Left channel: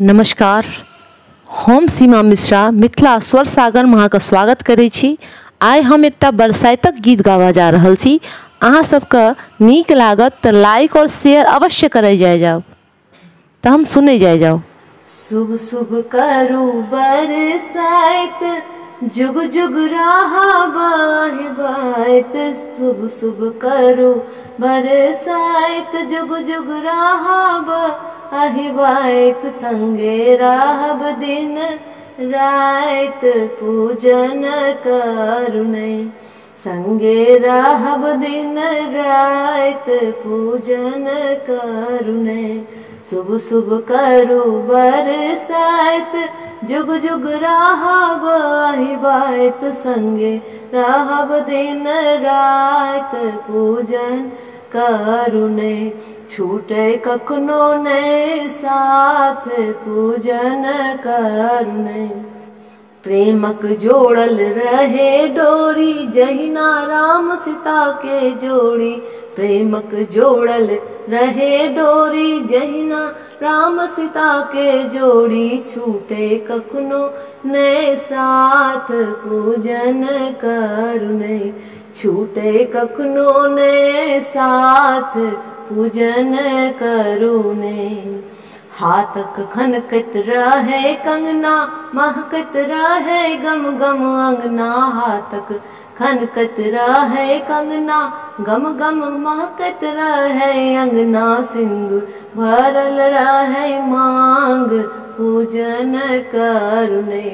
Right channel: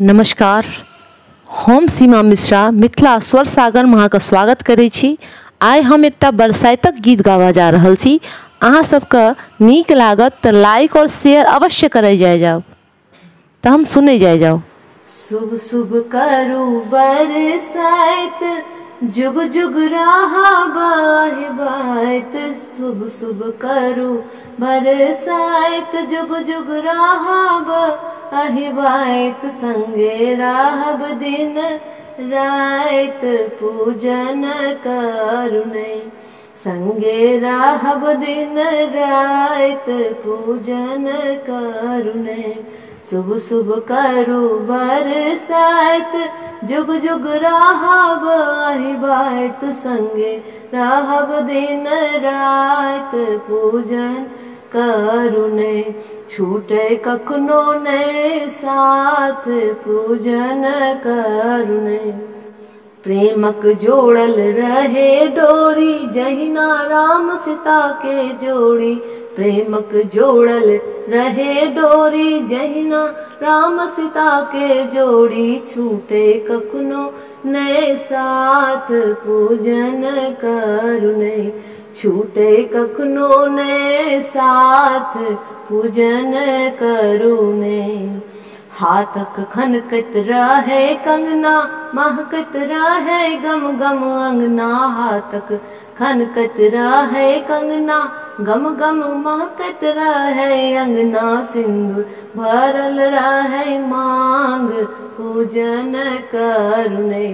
नमस्कार, हम सीमा मिश्रा मिथिला स्वर सागर में अहाँके स्वागत करै छी। आइ हम एकटा बरसातक गीत गावा जा रहल छी। अहाँ सबके नीक लागत तऽ लाइक और शेयर अवश्य करे जाओ। तो हम सुने जाओ। शुभ शुभ करू बरसाइत, जुग जुग रहा बाहिबाइत। शुभ शुभ करू बरसाइत, जुग जुग रहा बाहिबाइत। संगे रहब दिन रात पूजन करुणे, संगे रहब दिन रात पूजन करुणे। शुभ शुभ करू बरसाइत, जुग जुग रहब बाहिबाइत। संगे रहब दिन रात पूजन करुणे, छूटे कखनो नहीं साथ पूजन करुणे। प्रेमक जोड़ल रहे डोरी, जहिना राम सीता के जोड़ी। प्रेमक जोड़ल रहे डोरी, जहिना राम सीता के जोड़ी। छूटे कखनो नए साथ पूजन करुणे, छूटे कखनो नए साथ पूजन करुणे। हाथक खनकत रहे कंगना, महकत रहे गम गम अंगना। हाथक खनकत रहे कंगना, गम गम महकत रहे अंगना। सिंदूर भरल रहे मांग पूजन करुणे,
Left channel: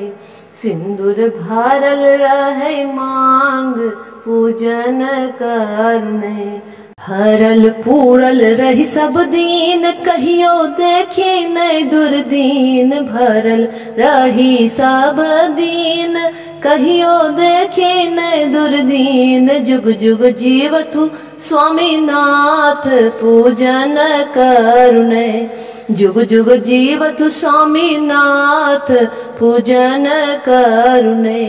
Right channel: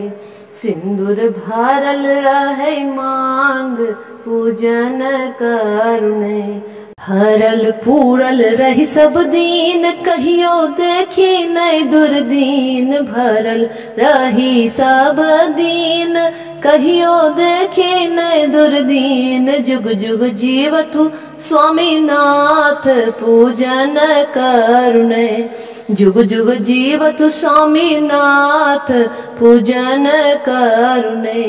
सिंदूर भरल रहे मांग पूजन करुणे। भरल पूरल रही सब दीन, कहियो देखी नहीं दुर्दीन। भरल रही सब दीन, कहियो देखी नहीं दुर्दीन। जुग जुग जीवतु स्वामीनाथ पूजन करुणे, जुग जुग जीवतु स्वामीनाथ पूजन करुणे।